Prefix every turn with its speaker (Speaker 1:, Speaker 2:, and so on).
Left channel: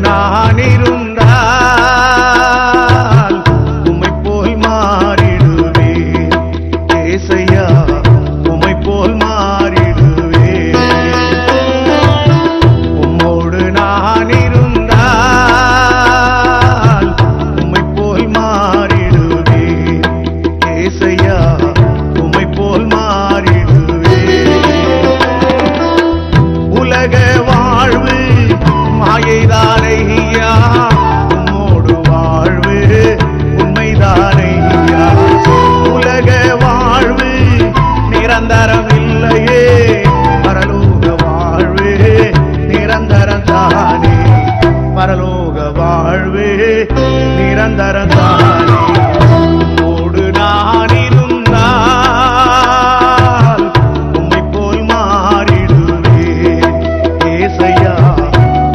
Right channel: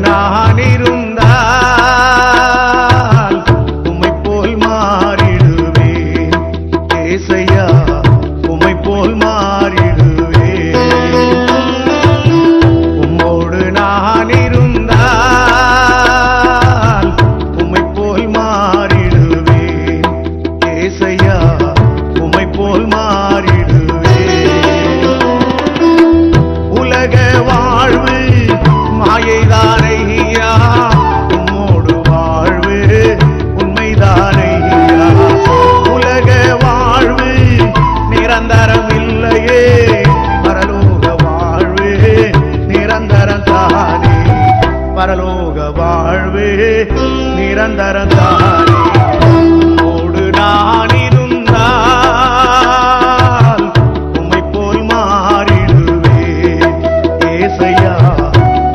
Speaker 1: நான் இருந்தால் உமை போல் மாறிடுவேன் ஏசையா உமை போல் மாறிடுவேன் உம்மோடு நான் இருந்தால் உமை போல் மாறிடுவேன் ஏசையா உமை போல் மாறிடுவேன் உலக வாழ்வு மாயைதானையா உம்மோடு வாழ்வு உண்மைதானையா உலக வாழ்வு நிரந்தரம் இல்லையே. பரலோக வாழ்வு நிரந்தரம் தானே. பரலோக வாழ்வு நிரந்தரம் தானே.